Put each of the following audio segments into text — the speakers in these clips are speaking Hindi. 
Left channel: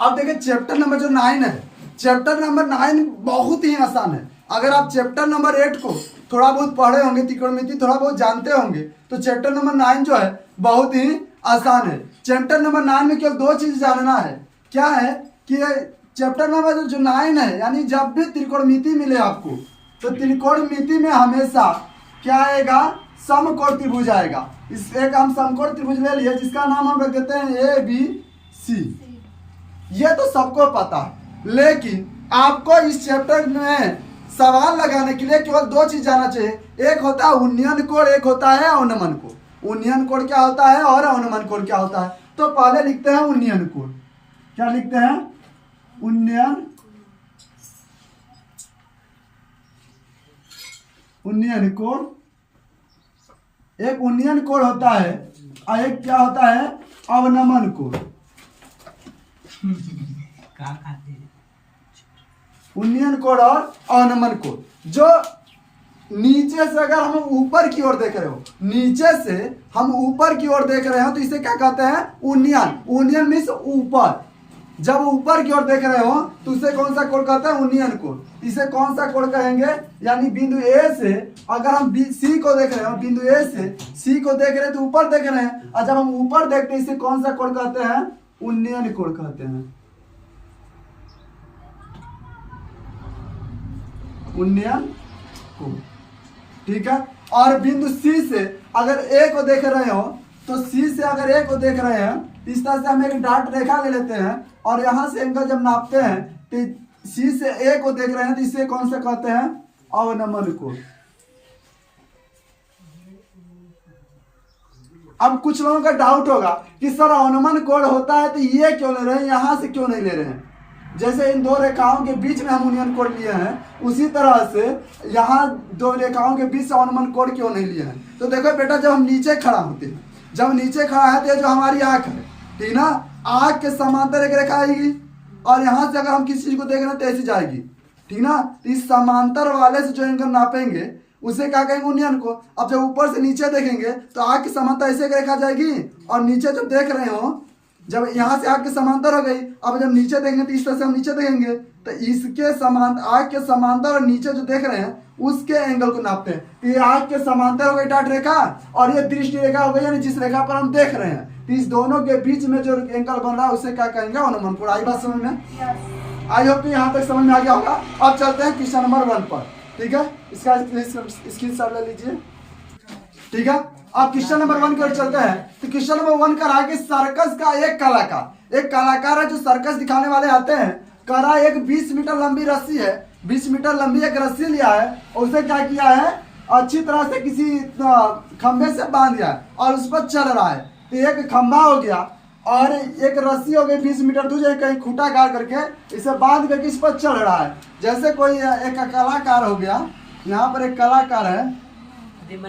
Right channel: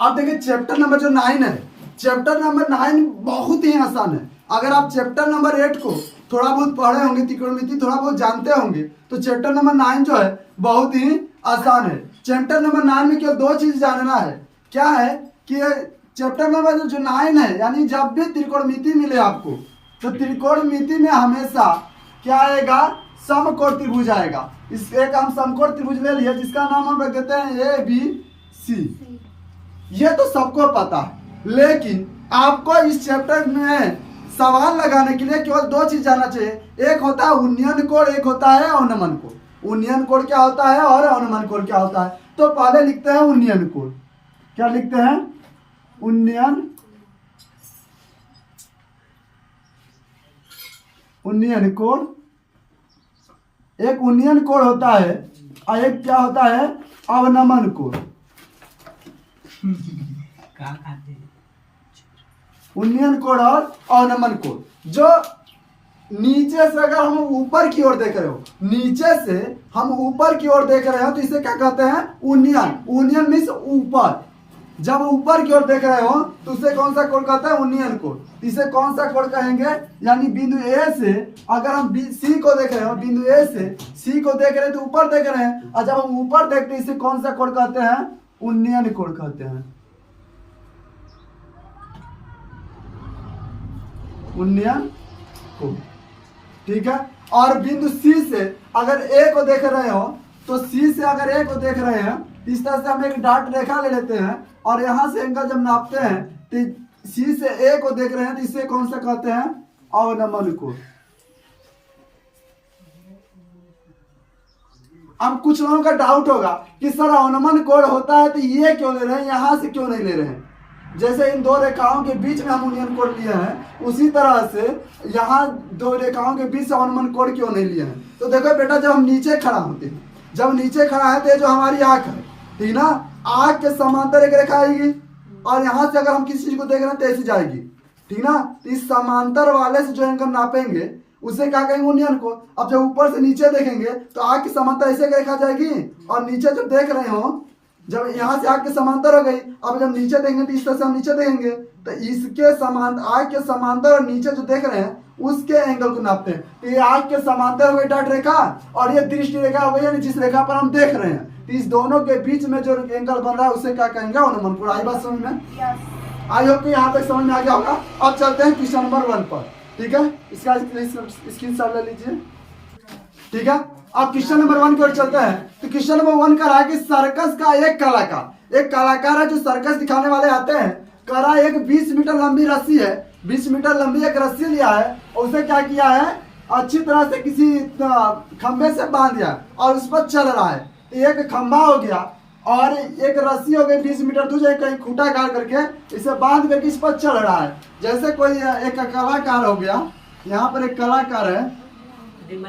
अब देखिए चैप्टर नंबर जो 9 है, चैप्टर नंबर 9 बहुत ही आसान है। अगर आप चैप्टर नंबर 8 को थोड़ा बहुत पढ़े होंगे, त्रिकोणमिति थोड़ा बहुत जानते होंगे, तो चैप्टर नंबर 9 जो है बहुत ही आसान है। चैप्टर नंबर 9 में केवल 2 चीज जानना है। क्या है कि चैप्टर नंबर जो 9 है, यानी जब भी त्रिकोणमिति मिले आपको, तो त्रिकोणमिति में हमेशा क्या आएगा, समकोण त्रिभुज आएगा। इस एक हम समकोण त्रिभुज ले लिए जिसका नाम हम रख देते हैं ABC। ये तो सबको पता है, लेकिन आपको इस चैप्टर में सवाल लगाने के लिए केवल 2 चीज जानना चाहिए। एक होता है उन्नयन कोण, एक होता है अवनमन कोण। उन्नयन कोण क्या होता है और अवनमन कोण क्या होता है। तो पहले लिखते हैं उन्नयन कोण। क्या लिखते हैं, उन्नयन कोण। एक उन्नयन कोण होता है और एक क्या होता है, अवनमन कोण। उन्नयन कोण और अवनमन कोण। जो नीचे से अगर हम ऊपर की ओर देख रहे हो, नीचे से हम ऊपर की ओर देख रहे हो, तो इसे क्या कहते हैं, उन्नयन। उन्नयन मीन्स ऊपर। जब ऊपर की ओर देख रहे हो तो उसे कौन सा कोण कहते हैं, उन्नयन कोण। इसे कौन सा कोण कहेंगे, यानी बिंदु ए से अगर हम सी को देख रहे हो, बिंदु ए से सी को देख रहे हैं तो ऊपर देख रहे हैं, और जब हम ऊपर देखते हैं इसे कौन सा कोण कहते हैं, उन्नयन कोण कहते हैं। उन्नयन कोण, ठीक है। और बिंदु सी से अगर ए को देख रहे हो, तो सी से अगर ए को देख रहे हैं, इस तरह से हम एक डार्ट रेखा ले लेते हैं और यहां से एंगल जब नापते हैं तो सी से ए को देख रहे हैं, तो इसे कौन सा कहते हैं, अवनमन कोण। अब कुछ लोगों का डाउट होगा कि सर अवनमन कोण होता है तो ये क्यों ले रहे हैं, यहां से क्यों नहीं ले रहे हैं। जैसे इन 2 रेखाओं के बीच में हम उन्नयन कोण लिए हैं, उसी तरह से यहाँ 2 रेखाओं के बीच से अवनमन कोण क्यों नहीं लिए हैं। तो देखो बेटा, जब हम नीचे खड़ा होते हैं, जब नीचे खड़ा है तो ये जो हमारी आंख है, ठीक ना, आंख के समांतर एक रेखा आएगी और यहाँ से अगर हम किसी चीज को देख रहे हैं तो ऐसी जाएगी, ठीक ना। इस समांतर वाले से जो एंगल नापेंगे उसे क्या कहेंगे, उन्नयन कोण। अब जब ऊपर से नीचे देखेंगे तो आंख की समांतर ऐसे एक रेखा जाएगी, और नीचे जब देख रहे हो, जब यहाँ से आग के समांतर हो गई, अब जब नीचे देखेंगे तो इस तरह से हम नीचे देखेंगे, तो इसके समांतर, आग के समांतर और नीचे जो देख रहे हैं उसके एंगल को नापते हैं। तो ये आग के समांतर हो गई डार्ट रेखा, और ये दृष्टि रेखा हो गई, यानी जिस रेखा पर हम देख रहे हैं, तो इस दोनों के बीच में जो एंगल बन रहा है उसे क्या कहेंगे, अवनमन कोण। आई बात समझ में? आई होप कि यहाँ तक समझ में आ गया होगा। अब चलते हैं क्वेश्चन नंबर 1 पर, ठीक है। इसका स्क्रीनशॉट ले लीजिए, ठीक है। अब क्वेश्चन नंबर 1 की ओर चलते हैं। तो क्वेश्चन नंबर 1 कह रहा है कि सर्कस का एक कलाकार है जो सर्कस दिखाने वाले आते हैं। कह रहा है एक 20 मीटर लंबी रस्सी है, 20 मीटर लंबी एक रस्सी लिया है और उसे क्या किया है, अच्छी तरह से किसी खंबे से बांध दिया है और उस पर चल रहा है। तो एक खंबा हो गया और एक रस्सी हो गई 20 मीटर दूर, कहीं खूंटा गाड़ करके इसे बांध करके इस पर चल रहा है। जैसे कोई एक कलाकार हो गया, यहाँ पर एक कलाकार है,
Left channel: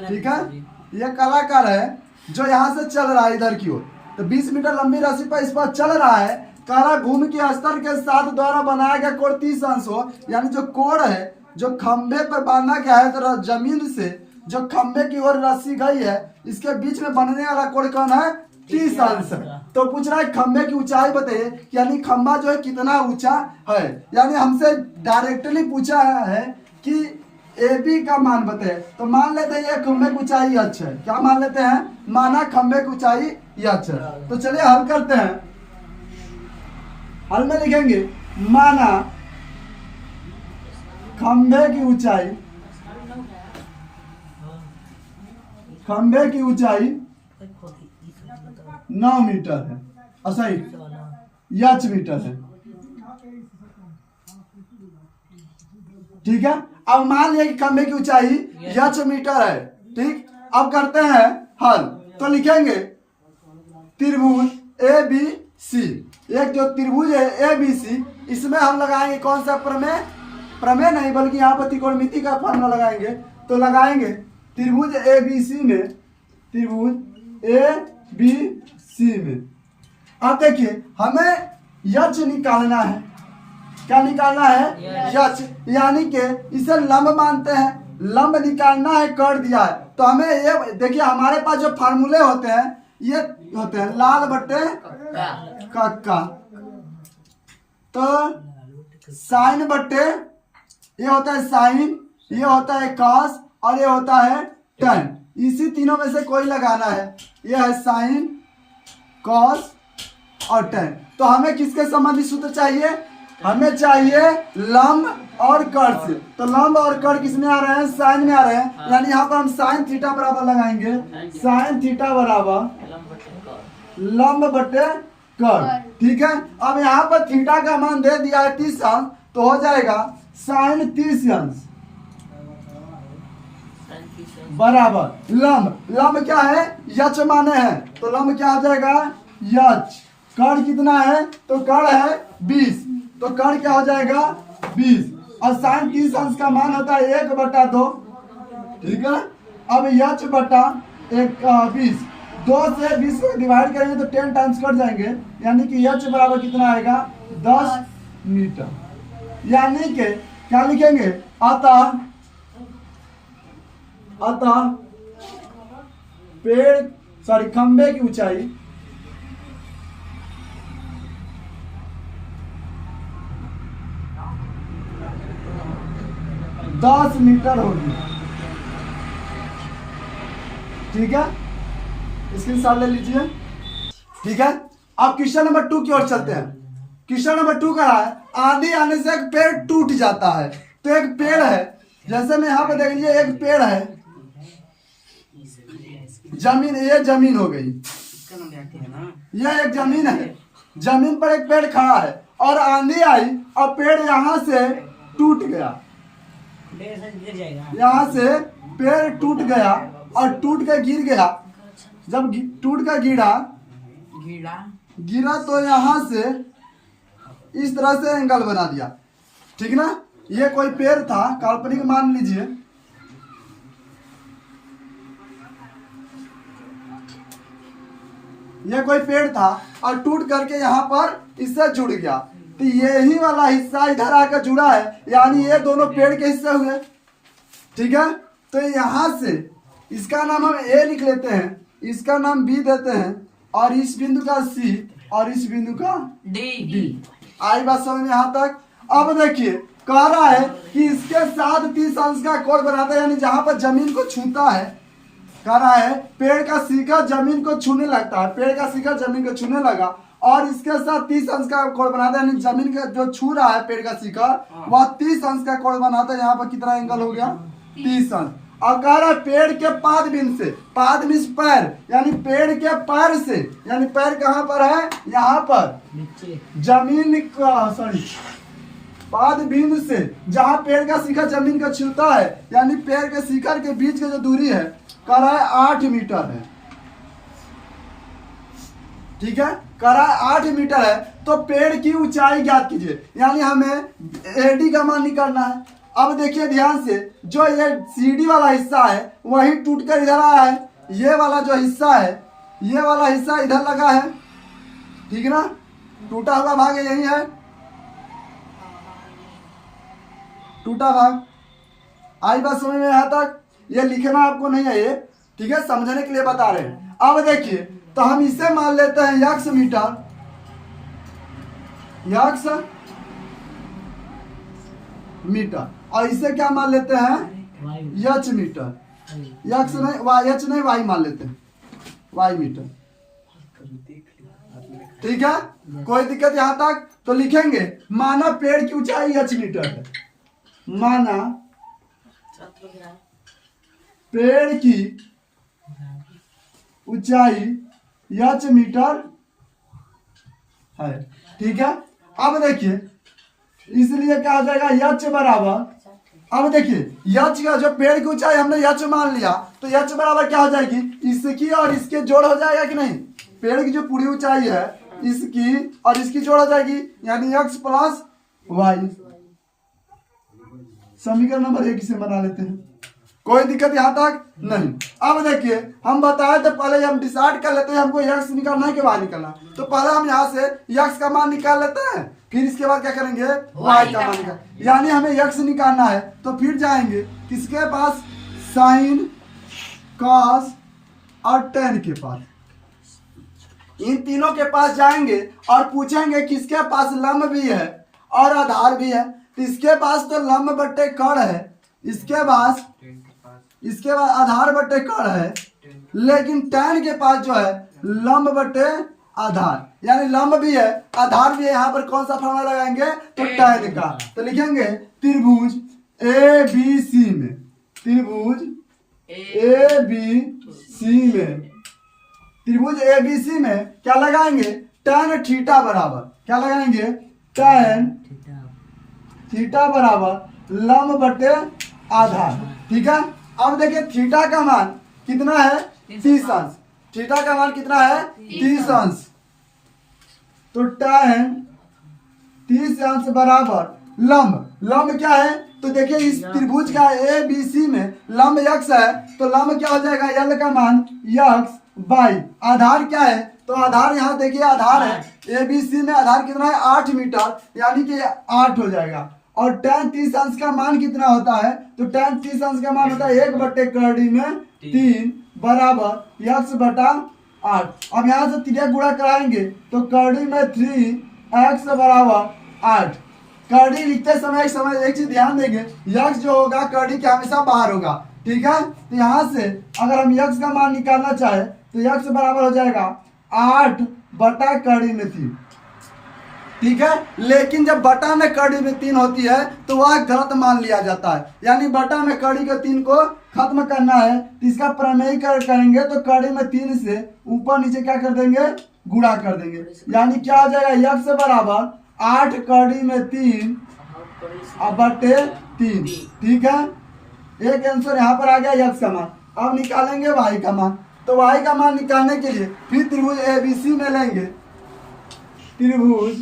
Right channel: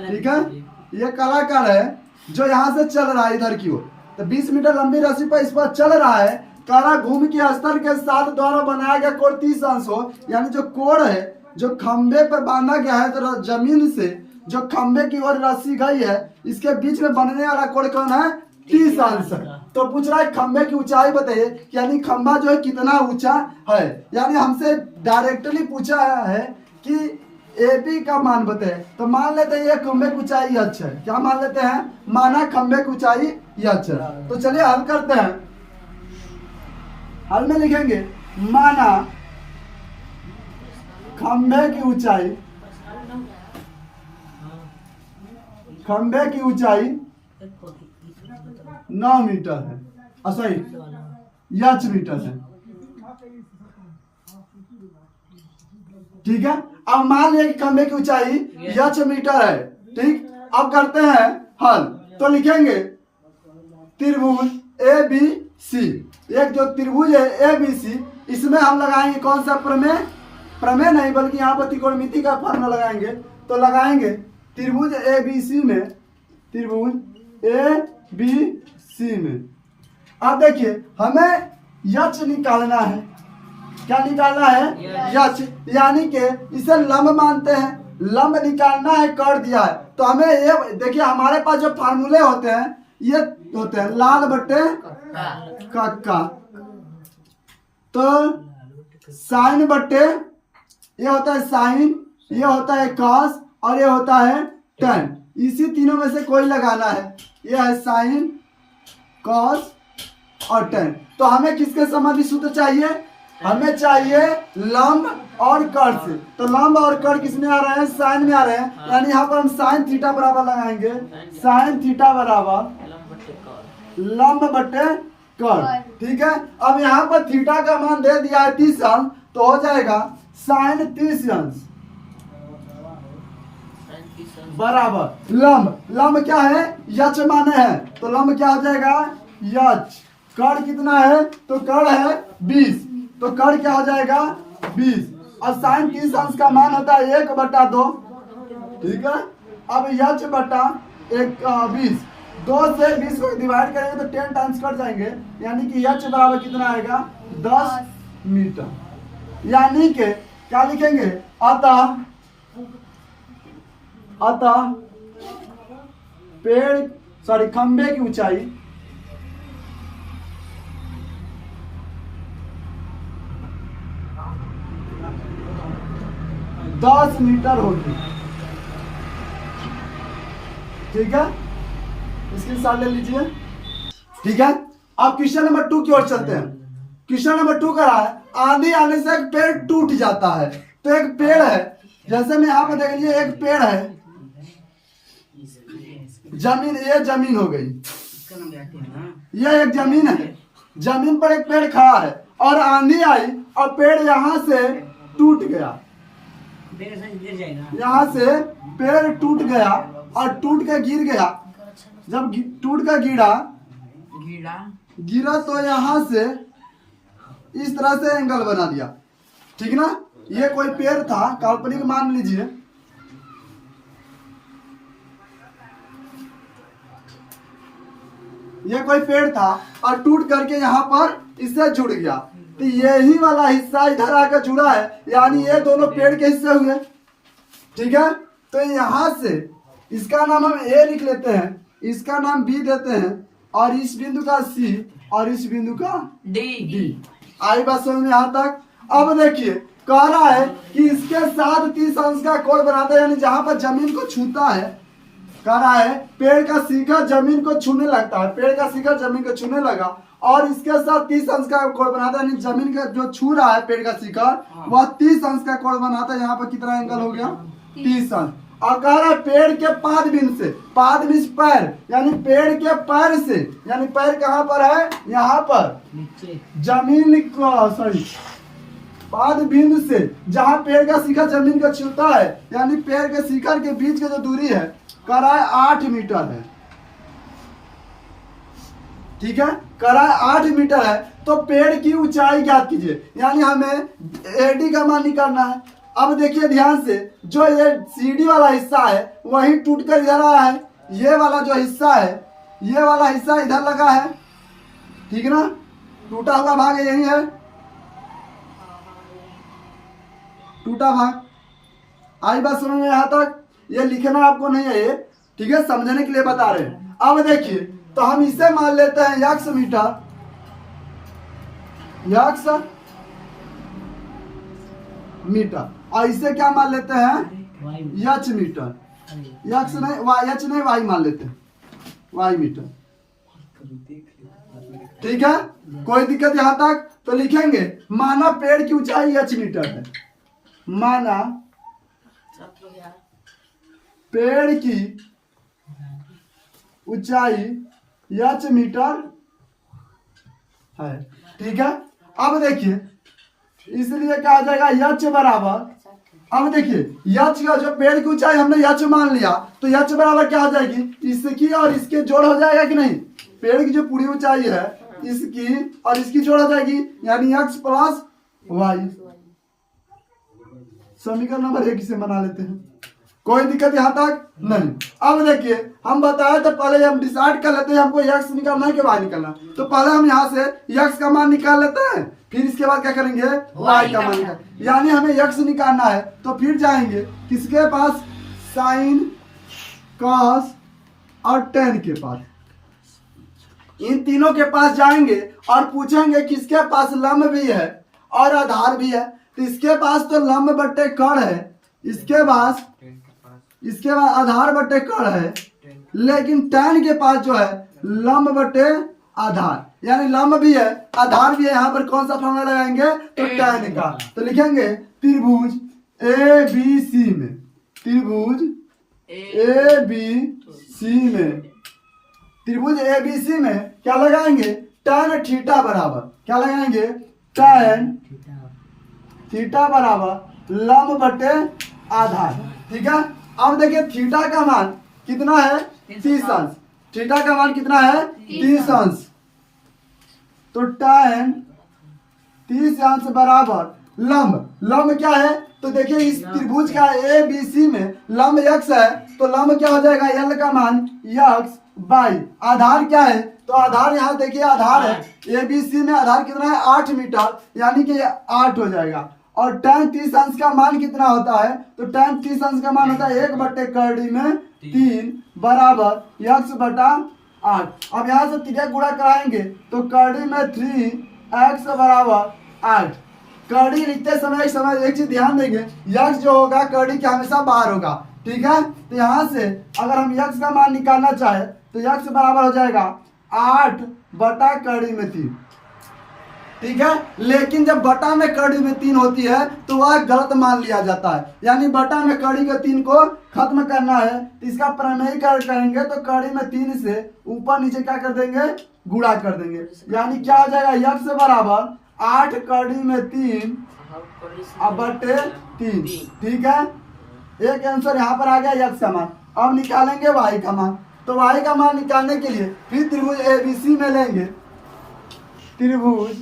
ठीक है, ये कलाकार है जो यहाँ से चल रहा है इधर की ओर। तो 20 मीटर लंबी रस्सी पर इस पर चल रहा है। कारा भूमि के स्तर के साथ द्वारा बनाया गया कोण 30 अंश हो, यानी जो कोण है जो खंबे पर बांधा गया है, तो जमीन से जो खंबे की ओर रस्सी गई है इसके बीच में बनने वाला कोण कौन है, 30 अंश। तो पूछ रहा है खंबे की ऊंचाई बताइए, यानी खंबा जो है कितना ऊंचा है। यानी हमसे डायरेक्टली पूछा है कि AB का मान बताए। तो मान लेते हैं ये खंबे की ऊंचाई h है। क्या मान लेते हैं, माना खंबे की ऊंचाई h है। तो चलिए हल करते हैं। हल में लिखेंगे माना खंबे की ऊंचाई 9 मीटर है, सही h मीटर है, ठीक है। अब मान लिया कि खंबे की ऊंचाई h मीटर है, ठीक। अब करते हैं हल। तो लिखेंगे त्रिभुज ABC, एक जो त्रिभुज है ABC, इसमें हम लगाएंगे कौन सा प्रमेय, प्रमेय नहीं बल्कि यहाँ पर त्रिकोणमिति का फॉर्मूला लगाएंगे। तो लगाएंगे त्रिभुज ABC में, त्रिभुज ABC में। अब देखिए हमें h निकालना है। क्या निकालना है, h, यानी कि इसे लंब मानते हैं, लंब निकालना है, कर दिया है। तो हमें ये देखिए हमारे पास जो फार्मूले होते हैं ये होते हैं लाल बटे कक्का, तो साइन बट्टे ये होता है साइन, ये होता है कॉस और ये होता है टेन। इसी तीनों में से कोई लगाना है। ये है साइन, कॉस और टेन। तो हमें किसके संबंधी सूत्र चाहिए? हमें चाहिए लंब और कर्ण से। तो लंब और कर्ण किस में आ रहे हैं? साइन में आ रहे हैं। यानी यहाँ पर हम साइन थीटा बराबर लगाएंगे, साइन थीटा बराबर लंब बट्टे कर्ण। ठीक है। अब यहाँ पर थीटा का मान दे दिया है 30 अंश, तो हो जाएगा साइन 30 अंश बराबर लंब। लंब क्या है? यच माने है, तो लंब क्या हो जाएगा? यच। कर्ण कितना है? तो कर्ण है 20, तो कर्ण क्या हो जाएगा? 20। और साइन 30 अंश का मान होता है 1/2। ठीक है। अब यच बटा 20, 2 से 20 को डिवाइड करेंगे तो 10 टाइम्स कट जाएंगे, यानी कि यच बराबर कितना आएगा? 10 मीटर। यानी कि क्या लिखेंगे? अतः खंबे की ऊंचाई 10 मीटर होगी। ठीक है, इसके साथ ले लीजिए। ठीक है। अब क्वेश्चन नंबर 2 की ओर चलते हैं। क्वेश्चन नंबर 2 का है आंधी आने से एक पेड़ टूट जाता है। तो एक पेड़ है, जैसे मैं यहाँ पे देख लीजिए, एक पेड़ है, जमीन, ये जमीन हो गई, ये एक जमीन है। जमीन पर एक पेड़ खड़ा है और आंधी आई और पेड़ यहाँ से टूट गया, यहाँ से पेड़ टूट गया और टूट के गिर गया। जब टूट कर गिरा तो यहाँ से इस तरह से एंगल बना दिया। ठीक ना। ये कोई पेड़ था, काल्पनिक मान लीजिए, ये कोई पेड़ था और टूट करके यहाँ पर इससे जुड़ गया। तो यही वाला हिस्सा इधर आकर जुड़ा है, यानी ये दोनों पेड़ के हिस्से हुए। ठीक है। तो यहाँ से इसका नाम हम ए लिख लेते हैं, इसका नाम बी देते हैं, और इस बिंदु का सी और इस बिंदु का डी। आई बात समझ में यहाँ तक? अब देखिए, कह रहा है कि इसके साथ 30 अंश का कोण बनाते हैं, यानी जहां पर जमीन को छूता है। कह रहा है पेड़ का शिखर जमीन को छूने लगता है, पेड़ का शिखर जमीन को छूने लगा और इसके साथ 30 अंश का कोण बनाता है, यानी जमीन का जो छू रहा है पेड़ का शिखर, वह 30 अंश का कोण बनाता है। यहाँ पर कितना एंगल हो गया? 30 अंश। और कह रहा है पेड़ के पाद बिंदु से, पाद मींस पैर, यानी पेड़ के पैर से, यानी पैर कहाँ पर है? यहाँ पर जमीन को, पाद बिंदु से जहां पेड़ का शिखर जमीन को छूता है, यानी पेड़ के शिखर के बीच की जो दूरी है, कह रहा है 8 मीटर है। ठीक है। कह रहा है 8 मीटर है। तो पेड़ की ऊंचाई ज्ञात कीजिए, यानी हमें एडी का मान निकालना है। अब देखिए ध्यान से, जो ये सीढ़ी वाला हिस्सा है वही टूट कर इधर आया है, ये वाला जो हिस्सा है, ये वाला हिस्सा इधर लगा है। ठीक ना। टूटा हुआ भाग यही है, टूटा भाग। आई बात समझ में यहाँ तक? ये लिखना आपको नहीं है ये, ठीक है, समझने के लिए बता रहे हैं। अब देखिए, तो हम इसे मान लेते हैं यक्स मीटर, यक्स मीटर, और इसे क्या मान लेते हैं? यच मीटर। यक्स नहीं, यच नहीं, वाई मान लेते हैं, वाई मीटर। ठीक है। कोई दिक्कत यहाँ तक? तो लिखेंगे माना पेड़ की ऊंचाई यच मीटर है, माना पेड़ की ऊंचाई यच मीटर है। ठीक है। अब देखिए, इसलिए क्या आ जाएगा? यच बराबर, अब देखिए यच का जो पेड़ की ऊंचाई हमने यच मान लिया, तो यच बराबर क्या हो जाएगी? इसकी और इसके जोड़ हो जाएगा कि नहीं? पेड़ की जो पूरी ऊंचाई है इसकी और इसकी जोड़ हो जाएगी, यानी x प्लस वाई। समीकरण नंबर 1 से बना लेते हैं। कोई दिक्कत यहाँ तक? नहीं। अब देखिए, हम बताए तो पहले हम डिसाइड कर लेते हैं हमको x निकालना है कि y निकालना। तो पहले हम यहाँ से x का मान निकाल लेते हैं, फिर इसके बाद क्या करेंगे? y का मान निकाल, यानी हमें x निकालना है। तो फिर जाएंगे किसके पास? साइन, कॉस और टेन के पास। इन तीनों के पास जाएंगे और पूछेंगे किसके पास लंब भी है, और आधार भी है। तो इसके पास तो लंब बट्टे कड़ है, इसके पास आधार बट्टे कड़ है, लेकिन tan के पास जो है लंब बट्टे आधार, यानी लंब भी है आधार भी है। यहाँ पर कौन सा फॉर्मूला लगाएंगे? तो tan का। तो लिखेंगे त्रिभुज ABC में, त्रिभुज ABC में, त्रिभुज ABC में क्या लगाएंगे? tan थीटा बराबर, क्या लगाएंगे? tan थीटा बराबर लंब बटे आधार। ठीक है, अब देखिए थीटा का मान कितना है? 30 अंश। थीटा का मान कितना है? 30 अंश। तो tan 30 अंश बराबर लंब क्या है? तो देखिए इस त्रिभुज का ABC में लंब x है, तो लंब क्या हो जाएगा? L का मान x बाई आधार क्या है? तो आधार यहाँ देखिए आधार है ABC में, आधार कितना है? 8 मीटर, यानी कि 8 हो जाएगा। और tan 30 अंश का मान कितना होता है? तो tan 30 अंश का मान होता है 1 बट्टे कड़ी में 3 बराबर x बटा 8। अब यहाँ से 3 गुणा कराएंगे तो कड़ी में 3x बराबर 8। कड़ी लिखते समय एक चीज ध्यान देंगे, यक्स जो होगा कड़ी के हमेशा बाहर होगा। ठीक है, तो यहाँ से अगर हम यक्स का मान निकालना चाहे तो यक्स बराबर हो जाएगा 8 बटा कड़ी में 3। ठीक है, लेकिन जब बटा में कड़ी में 3 होती है तो वह गलत मान लिया जाता है, यानी बटा में कड़ी के 3 को खत्म करना है तो इसका प्रमेयीकरण करेंगे तो कड़ी में 3 से ऊपर नीचे क्या कर देंगे? गुणा कर देंगे, यानी क्या हो जाएगा? यक्स बराबर 8 कड़ी में 3 अब बटे 3। ठीक है, एक आंसर यहाँ पर आ गया यक्स का मान। अब निकालेंगे वाई का मान। तो वाई का मान निकालने के लिए फिर त्रिभुज ABC में लेंगे, त्रिभुज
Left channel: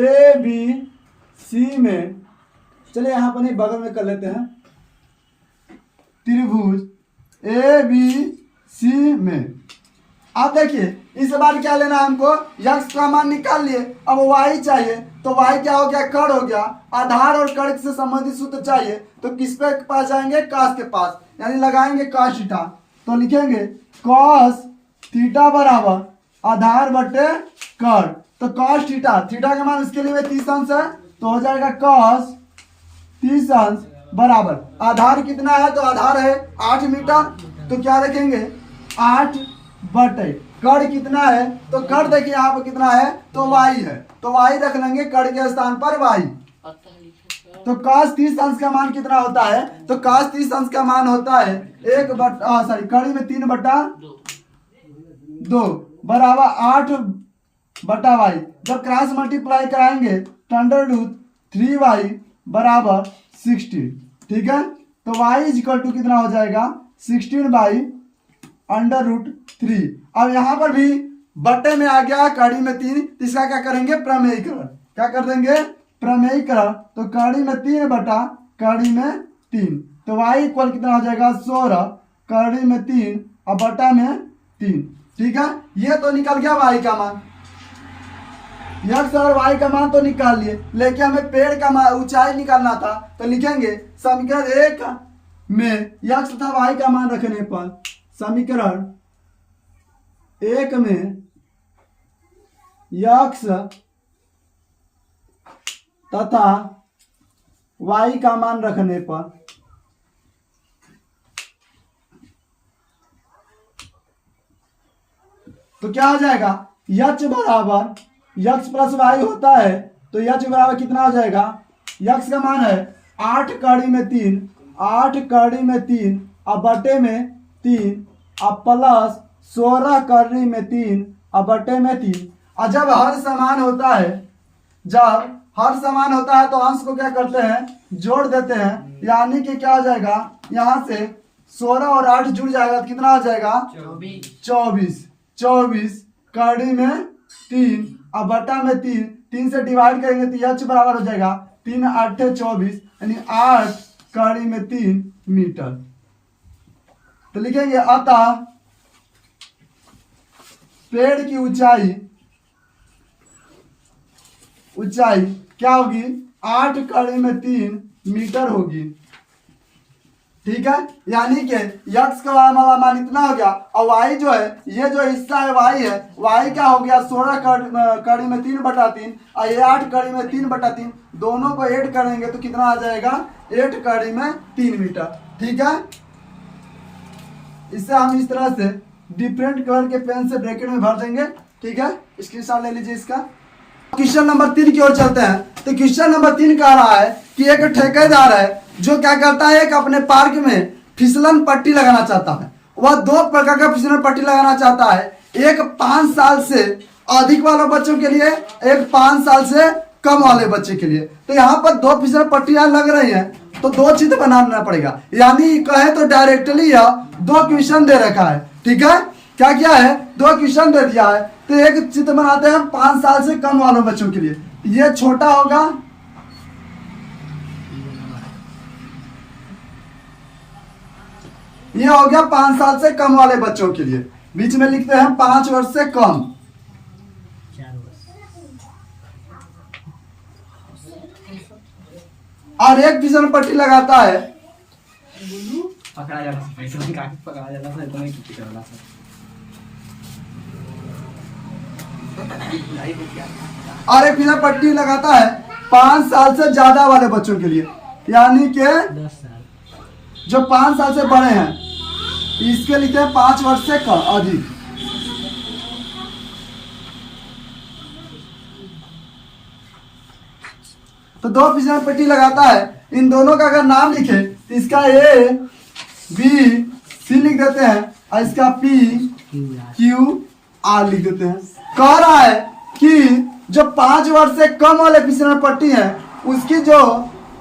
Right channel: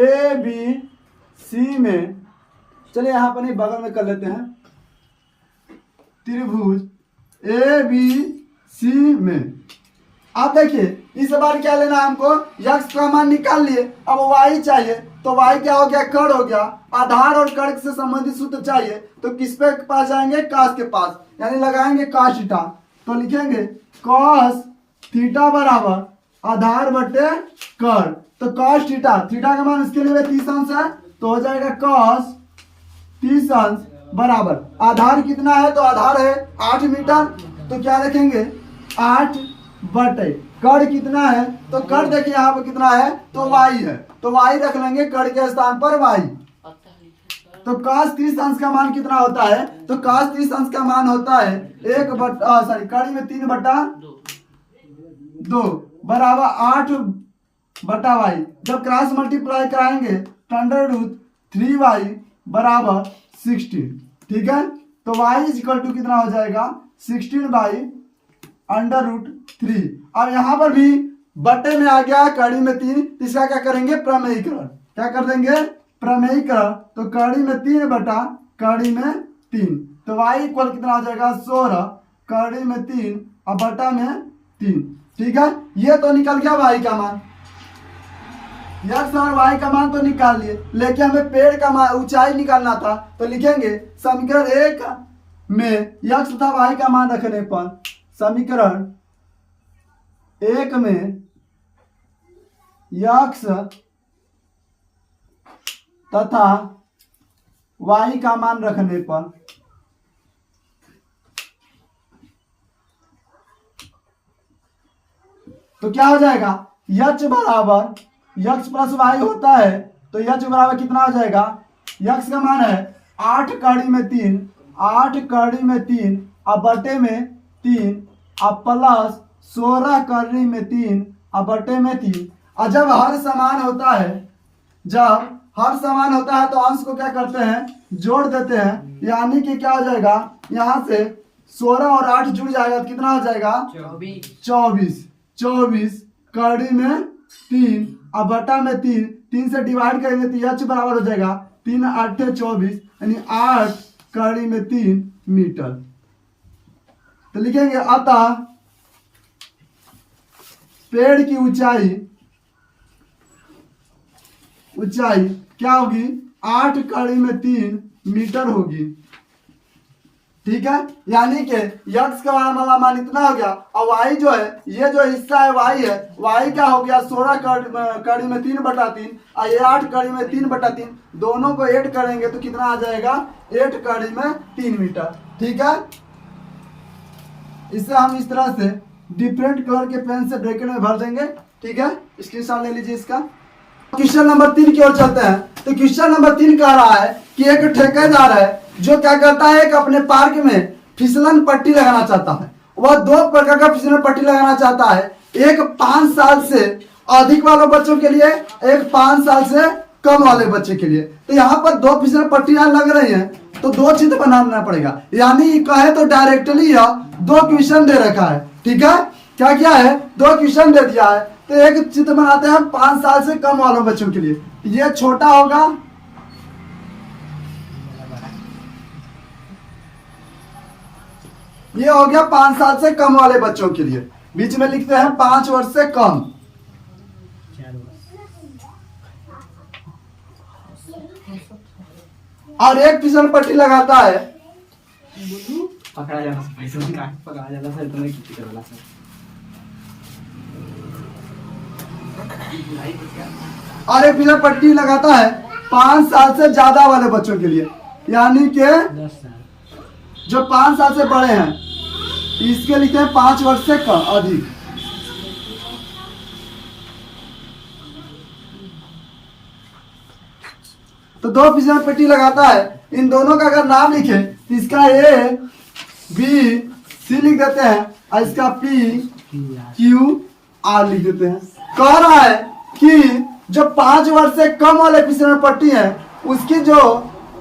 ABC में, चलिए यहाँ पर नहीं बगल में कर लेते हैं, त्रिभुज ABC में। अब देखिए इस बार क्या लेना है हमको? यक्स का मान निकाल लिए, अब वाई चाहिए। तो वाई क्या हो गया? कड़ हो गया। आधार और कड़ से संबंधित सूत्र चाहिए तो किस पे पास जाएंगे? कास के पास, यानी लगाएंगे कास थीटा। तो लिखेंगे कॉस थीटा बराबर आधार बटे कड़। तो कॉस थीटा, थीटा का मान इसके लिए 30 अंश है तो हो जाएगा कॉस 30 अंश बराबर आधार कितना है? तो आधार है 8 मीटर, तो क्या रखेंगे? 8 बटे कड़ कितना है? तो कड़ देखिए यहाँ पर कितना है? तो वाई है, तो वाई रख लेंगे कड़ के स्थान पर वाई। तो cos 30 अंश का मान कितना होता है? तो cos 30 अंश का मान होता है 1 बटा कड़ी में 3 बटा 2 बराबर 8 बटा वाई। जब क्रॉस मल्टीप्लाई कराएंगे तो √3y बराबर 16। ठीक है, तो y इक्वल टू कितना हो जाएगा? 16/√3। अब यहाँ पर भी बटे में आ गया कड़ी में 3, इसका क्या करेंगे? प्रमेयीकरण। क्या कर देंगे? प्रमेयीकरण। तो कड़ी में 3 बटा कड़ी में 3, तो y इक्वल कितना हो जाएगा? 16 कड़ी में 3 और बटा में 3। ठीक है, ये तो निकल गया y का मान। यक्स और y का मान तो निकाल लिए, लेकिन हमें पेड़ का मान ऊंचाई निकालना था। तो लिखेंगे समीकरण 1 में यक्स तथा y का मान रखने पर, समीकरण 1 में यक्स तथा y का मान रखने पर तो क्या हो जाएगा? यक्स बराबर यक्स प्लस वाई होता है, तो यक्स बराबर कितना हो जाएगा? यक्स का मान है 8 कड़ी में 3, 8 कड़ी में 3 अब बटे में 3 अब प्लस 16 कड़ी में 3 अब बटे में 3। और जब हर समान होता है, जब हर समान होता है तो अंश को क्या करते हैं? जोड़ देते हैं, यानी कि क्या हो जाएगा? यहाँ से 16 और 8 जुड़ जाएगा तो कितना हो जाएगा? 24 कड़ी में 3 अब बटा में 3 से डिवाइड करेंगे तो यह बराबर हो जाएगा 3 8 24, यानी 8 कड़ी में 3 मीटर। तो लिखेंगे अतः पेड़ की ऊंचाई क्या होगी? 8 कड़ी में 3 मीटर होगी। ठीक है, यानी कि यक्स का वाला मान इतना हो गया और वाई जो है, ये जो हिस्सा है वाई है, वाई क्या हो गया 16 कड़ी में 3/3 और ये 8 कड़ी में 3/3, दोनों को ऐड करेंगे तो कितना आ जाएगा 8 कड़ी में 3 मीटर। ठीक है, इसे हम इस तरह से डिफरेंट कलर के पेन से ब्रैकेट में भर देंगे। ठीक है, स्क्रीनशॉट ले लीजिए इसका। क्वेश्चन नंबर 3 की ओर चलते हैं। तो क्वेश्चन नंबर 3 कह रहा है कि एक ठेकेदार है जो क्या करता है कि अपने पार्क में फिसलन पट्टी लगाना चाहता है। वह 2 प्रकार का फिसलन पट्टी लगाना चाहता है, एक 5 साल से अधिक वाले बच्चों के लिए, एक 5 साल से कम वाले बच्चे के लिए। तो यहाँ पर 2 फिसलन पट्टियां लग रही हैं, तो 2 चित्र बनाना पड़ेगा। यानी कहे तो डायरेक्टली यह 2 क्वेश्चन दे रखा है। ठीक है, क्या क्या है 2 क्वेश्चन दे दिया है, तो एक चित्र बनाते हैं 5 साल से कम वाले बच्चों के लिए। ये छोटा होगा, ये हो गया 5 साल से कम वाले बच्चों के लिए। बीच में लिखते हैं 5 वर्ष से कम। और एक फिसल पट्टी लगाता है, पकड़ा जाला पकड़ा जाला सर तुम्हें कितनी करला सर और एक फिसल पट्टी लगाता है 5 साल से ज्यादा वाले बच्चों के लिए, यानी कि 10 साल जो 5 साल से बड़े हैं, इसके लिखे हैं 5 वर्ष से कम अधिक। तो 2 फिसल पट्टी लगाता है, इन दोनों का अगर नाम लिखे तो इसका ए बी सी लिख देते हैं और इसका पी क्यू आर लिख देते हैं। कह रहा है कि जो 5 वर्ष से कम वाले फिसल पट्टी है उसकी जो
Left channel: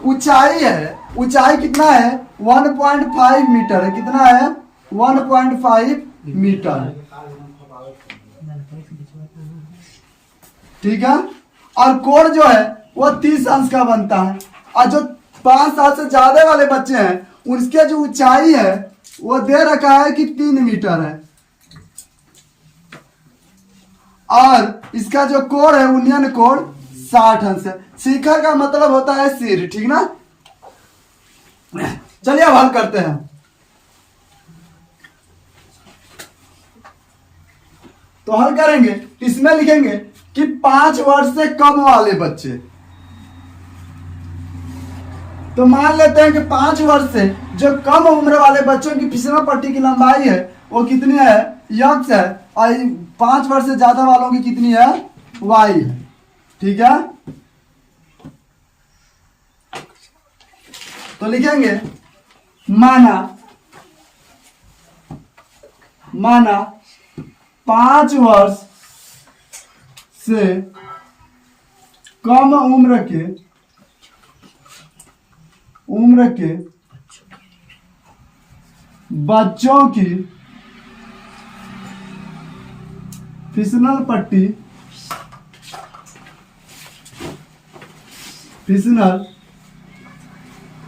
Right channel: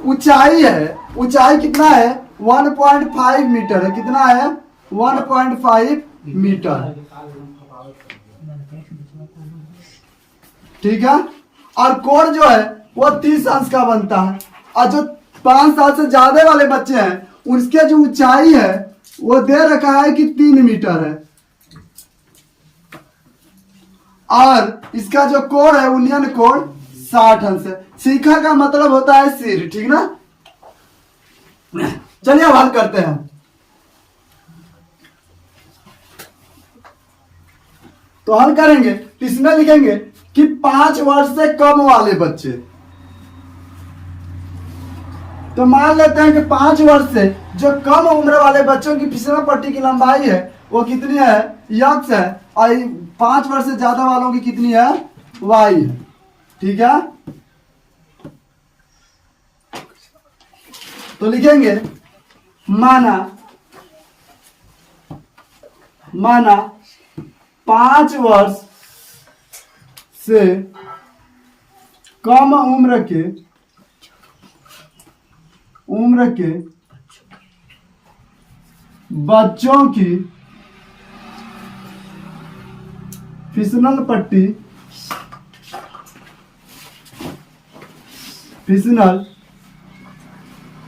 ऊंचाई है, ऊंचाई कितना है 1.5 मीटर है। कितना है 1.5 मीटर। ठीक है, और कोण जो है वो 30 अंश का बनता है। और जो 5 साल से ज्यादा वाले बच्चे हैं उसके जो ऊंचाई है वो दे रखा है कि 3 मीटर है, और इसका जो कोण है उन्नयन कोण 60 अंश है। शिखर का मतलब होता है सिर। ठीक ना, चलिए अब हल करते हैं। तो हल करेंगे, इसमें लिखेंगे कि 5 वर्ष से कम वाले बच्चे। तो मान लेते हैं कि 5 वर्ष से जो कम उम्र वाले बच्चों की फिसलन पट्टी की लंबाई है वो कितनी है यक्स है, और 5 वर्ष से ज्यादा वालों की कितनी है वाई है। ठीक है, तो लिखेंगे माना 5 वर्ष से कम उम्र के बच्चों की फिसलन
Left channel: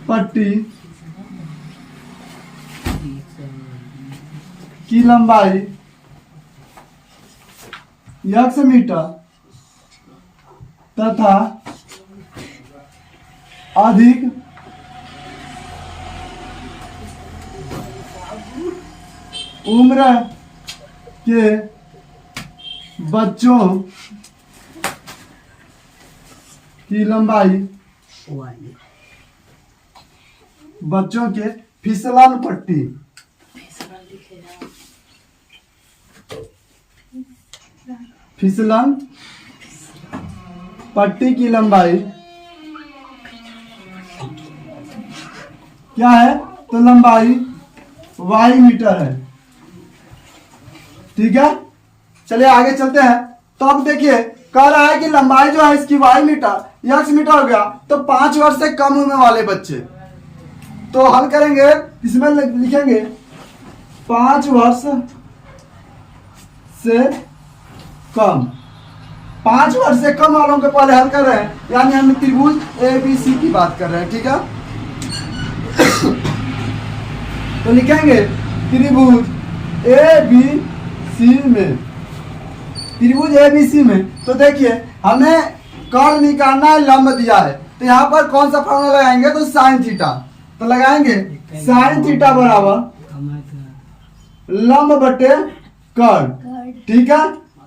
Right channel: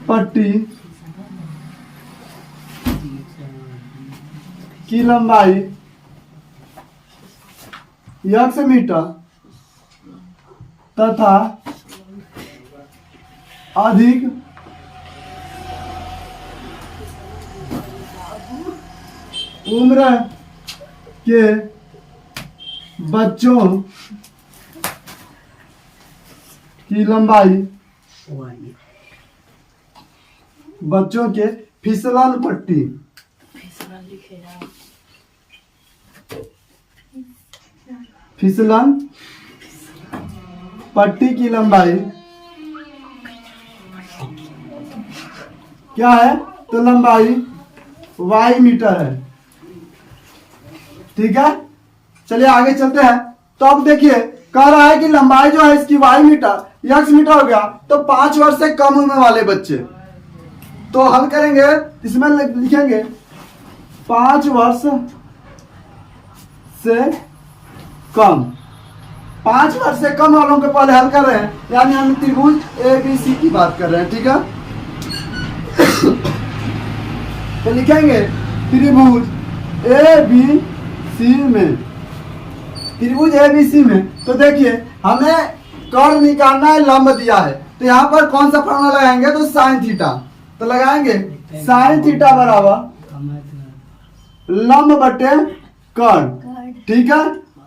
पट्टी की लंबाई यक्स मीटर तथा अधिक उम्र के बच्चों की लंबाई बच्चों के फिसलन पट्टी की लंबाई क्या है, तो लंबाई y मीटर है। ठीक है, चलिए आगे चलते हैं। तो अब देखिए कह रहा है कि लंबाई जो है इसकी y मीटर यक्स मीटर हो गया, तो 5 वर्ष से कम उम्र वाले बच्चे। तो हल करेंगे, इसमें लिखेंगे 5 वर्ष से कम। 5 वर्ष से कम वालों के पहले हल कर रहे हैं, यानी हम त्रिभुज ABC की बात कर रहे हैं। ठीक है, तो लिखेंगे त्रिभुज ABC में तो देखिए हमें कर्व निकालना है, लंब दिया है, तो यहाँ पर कौन सा फॉर्मूला लगाएंगे, तो साइन थीटा। तो लगाएंगे साइन थीटा बराबर लंब बटे कर्ण। ठीक है,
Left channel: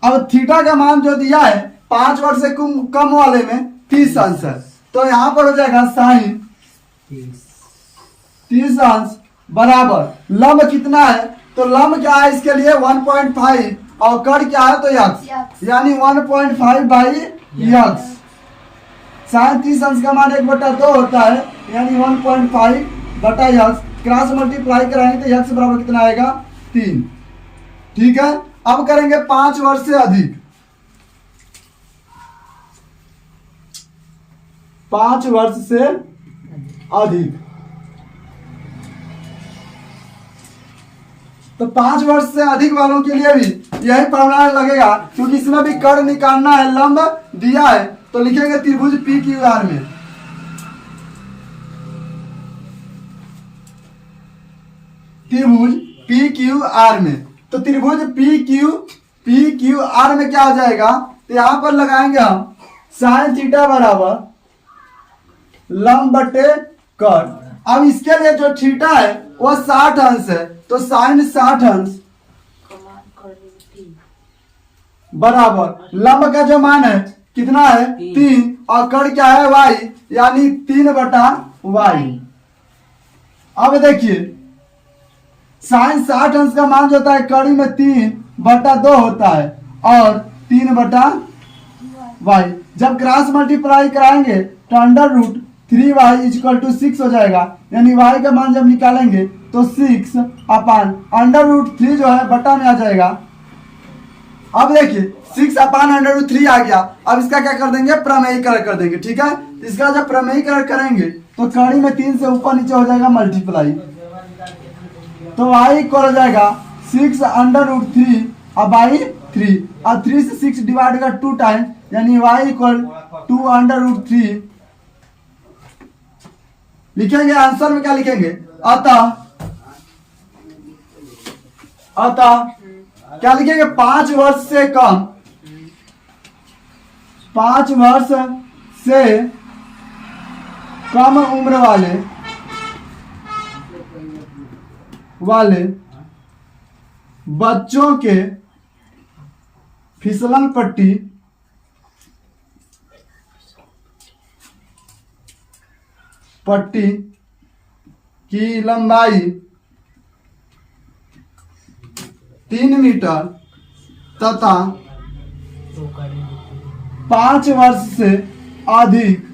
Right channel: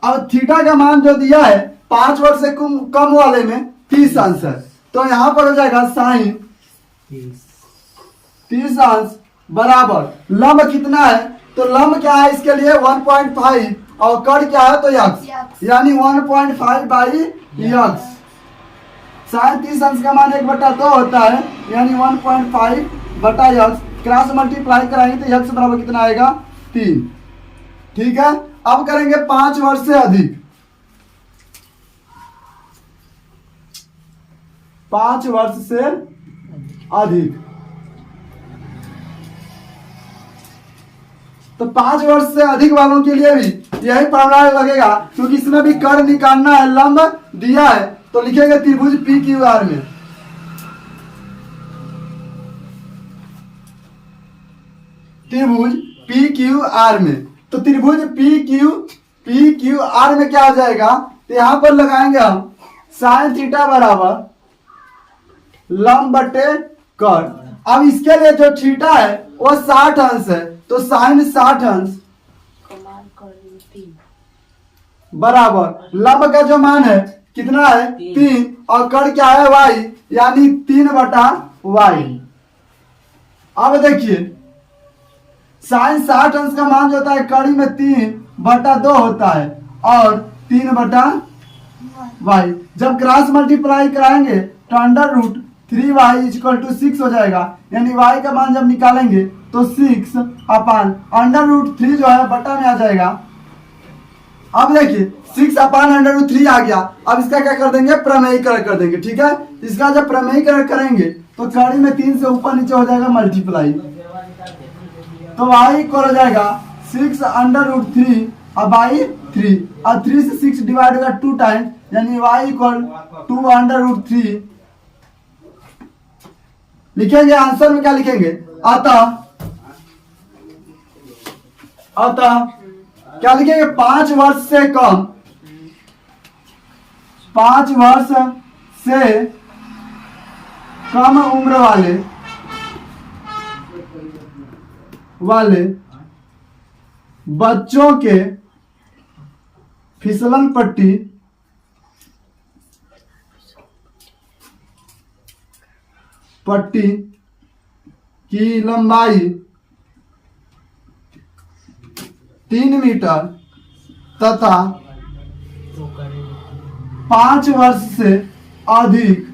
अब थीटा का मान जो दिया है 5 वर्ष से कम वाले में 30 अंश है, तो यहाँ पर हो जाएगा साइन 30 अंश बराबर लंब कितना है, तो लंब क्या है इसके लिए 1.5 और कर्ण क्या है तो यक्स, यानी 1.5 बाई यक्स। साइन 30 अंश का मान 1/2 होता है, यानी 1.5 बटा यक्स। क्रॉस मल्टीप्लाई कराएंगे तो यक्स बराबर कितना आएगा 3। ठीक है, अब करेंगे 5 वर्ष से अधिक। 5 वर्ष से अधिक, तो 5 वर्ष से अधिक वालों के लिए भी यही फॉर्मूला लगेगा, क्योंकि इसमें भी कर्ण निकालना है, लंब दिया है, तो लिखेंगे त्रिभुज पी क्यू आर में। त्रिभुज पी क्यू आर में, तो त्रिभुज पी क्यू आर में क्या हो जाएगा, तो यहां पर लगाएंगे हम साइन थीटा बराबर लंब बटे कर्ण। अब इसके लिए जो थीटा है वो 60 अंश है, तो साइन 60 अंश बराबर लंब का जो मान है कितना है 3 और कर्ण क्या है y, यानी 3/y। अब देखिए साइन 60 अंश का मान जो होता है कड़ी में 3/2 होता है और 3/y। जब क्रॉस मल्टीप्लाई कराएंगे तो √3y = 6 हो जाएगा, यानी y का मान जब निकालेंगे तो 6 अपान √3 जो है बटा में आ जाएगा। अब देखिए 6 अपान √3 आ गया। अब इसका क्या कर देंगे, प्रमेयीकरण कर देंगे। ठीक है, इसका जब प्रमेयीकरण करेंगे तो कड़ी में 3 से ऊपर नीचे हो जाएगा मल्टीप्लाई, तो y इक्वल हो जाएगा 6 √3 बाई 3 और 3 से 6 डिवाइड होगा 2 टाइम, यानी y इक्वल 2 √3 लिखेंगे। आंसर में क्या लिखेंगे, अतः क्या लिखेंगे 5 वर्ष से कम, 5 वर्ष से कम उम्र वाले बच्चों के फिसलन पट्टी की लंबाई 3 मीटर तथा 5 वर्ष से अधिक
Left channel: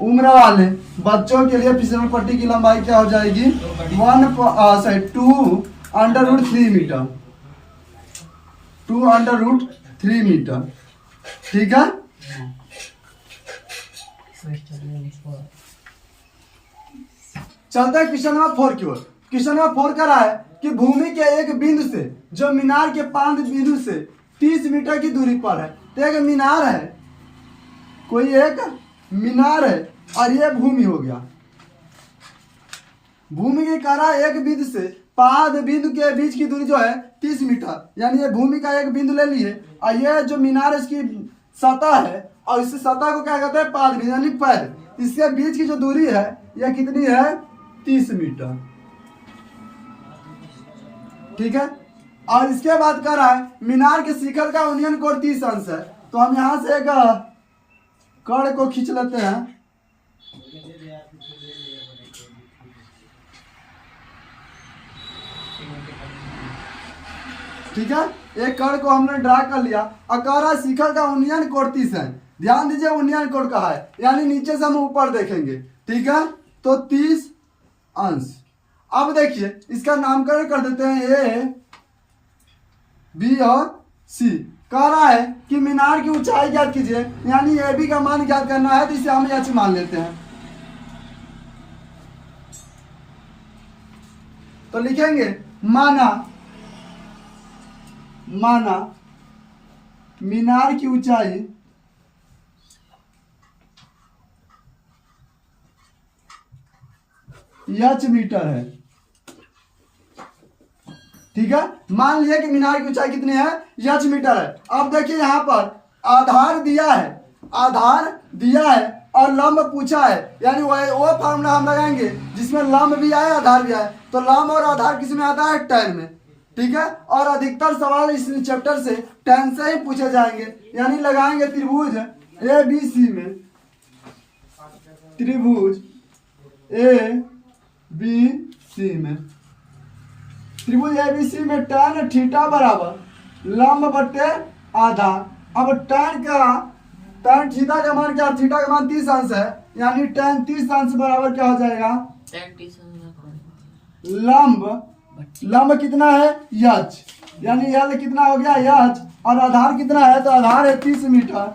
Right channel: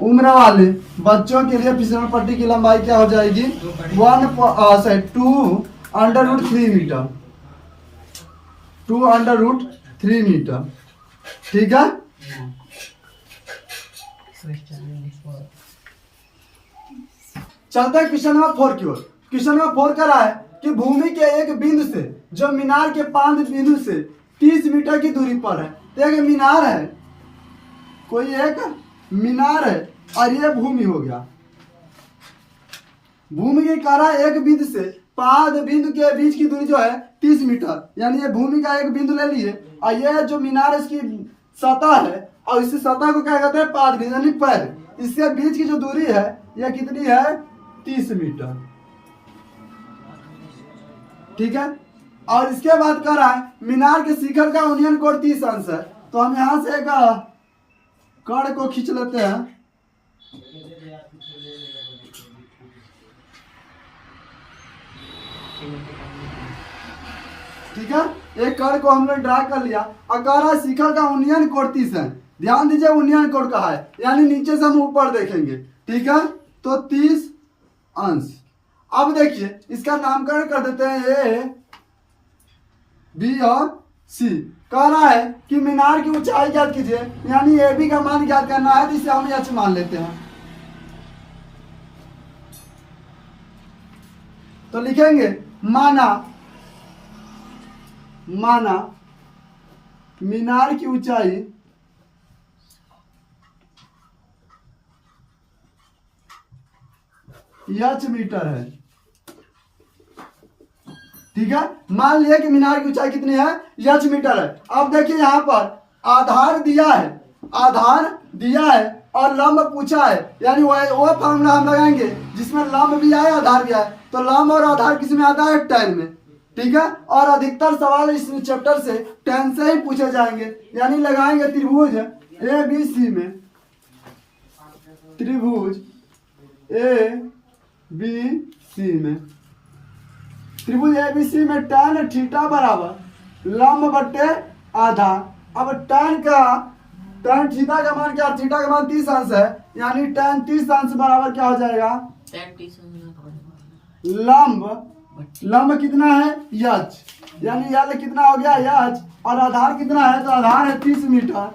उम्र वाले बच्चों के लिए फिसलन पट्टी की लंबाई क्या हो जाएगी 2√3 मीटर, 2√3 मीटर। ठीक है, चलते हैं क्वेश्चन नंबर 4 की ओर। क्वेश्चन नंबर 4 कह रहा है कि भूमि के एक बिंदु से जो मीनार के 5 बिंदु से 30 मीटर की दूरी पर है, तो एक मीनार है, कोई एक मीनार है और ये भूमि हो गया। भूमि के कह रहा है एक बिंदु से 5 बिंदु के बीच की दूरी जो है 30 मीटर, यानी ये भूमि का एक बिंदु ले लिए और ये जो मीनार है इसकी सतह है और इस सतह को क्या कहते हैं 5 बिंदु, यानी पैर। इसके बीच की जो दूरी है यह कितनी है 30 मीटर। ठीक है, और इसके बाद कह रहा है मीनार के शिखर का यूनियन कोण 30 अंश है, तो हम यहां से एक कर्ण को खींच लेते हैं। ठीक है, एक कर्ण को हमने ड्रा कर लिया और कह रहा है शिखर का यूनियन कोण 30 है। ध्यान दीजिए यूनियन कोण कहा है, यानी नीचे से हम ऊपर देखेंगे। ठीक है, तो 30 अंश। अब देखिए इसका नामकरण कर देते हैं ए, बी और सी। कह रहा है कि मीनार की ऊंचाई ज्ञात कीजिए, यानी ए बी का मान ज्ञात करना है, तो इसे हम एच मान लेते हैं। तो लिखेंगे माना मीनार की ऊंचाई एच मीटर है। ठीक है, मान लिया कि मीनार की ऊंचाई कितनी है एच मीटर है। अब देखिए यहां पर आधार दिया है और लंब पूछा है, यानी वो फॉर्मूला हम लगाएंगे जिसमें लंब भी आए आधार भी आए। तो लंब और आधार किस में आता है? tan में, ठीक है। और अधिकतर सवाल इस चैप्टर से tan से ही पूछे जाएंगे, यानी लगाएंगे त्रिभुज ABC में, त्रिभुज ABC में, त्रिभुज ABC में tan थीटा बराबर लंब बटे आधार। अब tan थीटा का मान क्या? थीटा का मान 30 अंश है, यानी tan 30 अंश बराबर क्या हो जाएगा? लंब कितना है? h, यानी l कितना हो गया? h। और आधार कितना है? तो आधार है 30 मीटर।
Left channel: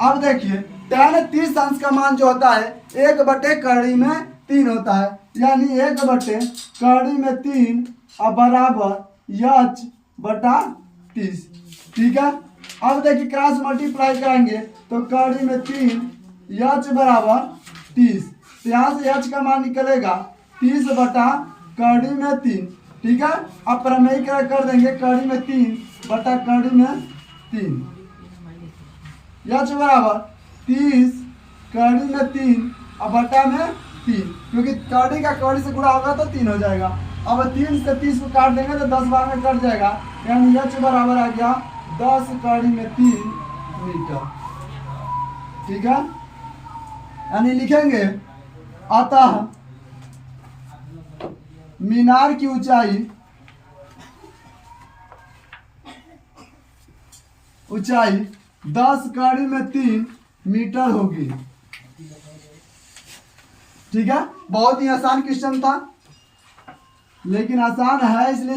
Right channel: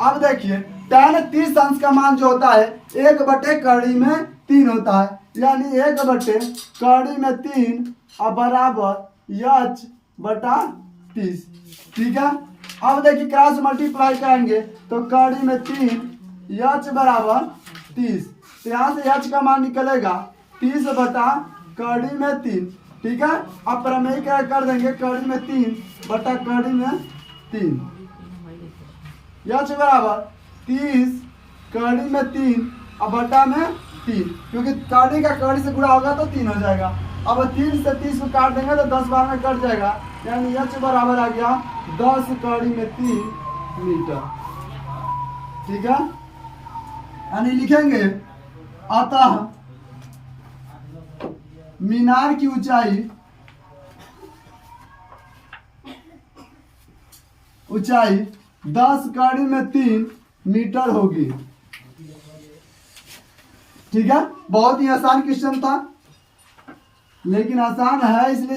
अब देखिए tan 30 अंश का मान जो होता है 1/3 होता है, यानी 1/3 अब बराबर h बटा 30, ठीक है। अब देखिए क्रॉस मल्टीप्लाई करेंगे तो 3 h बराबर 30, तो यहाँ से h का मान निकलेगा 30/3, ठीक है। अब प्रमेय कर देंगे 3/3 h बराबर 30 अब बटा में 3, क्योंकि कड़ी का कड़ी से गुणा होगा तो 3 हो जाएगा। अब 3 से 30 को काट देंगे तो 10 बार में कट जाएगा, यानी h बराबर आ गया 10 मीटर, ठीक है। यानी लिखेंगे अतः मीनार की ऊंचाई 10 मीटर होगी, ठीक है। बहुत ही आसान क्वेश्चन था, लेकिन आसान है इसलिए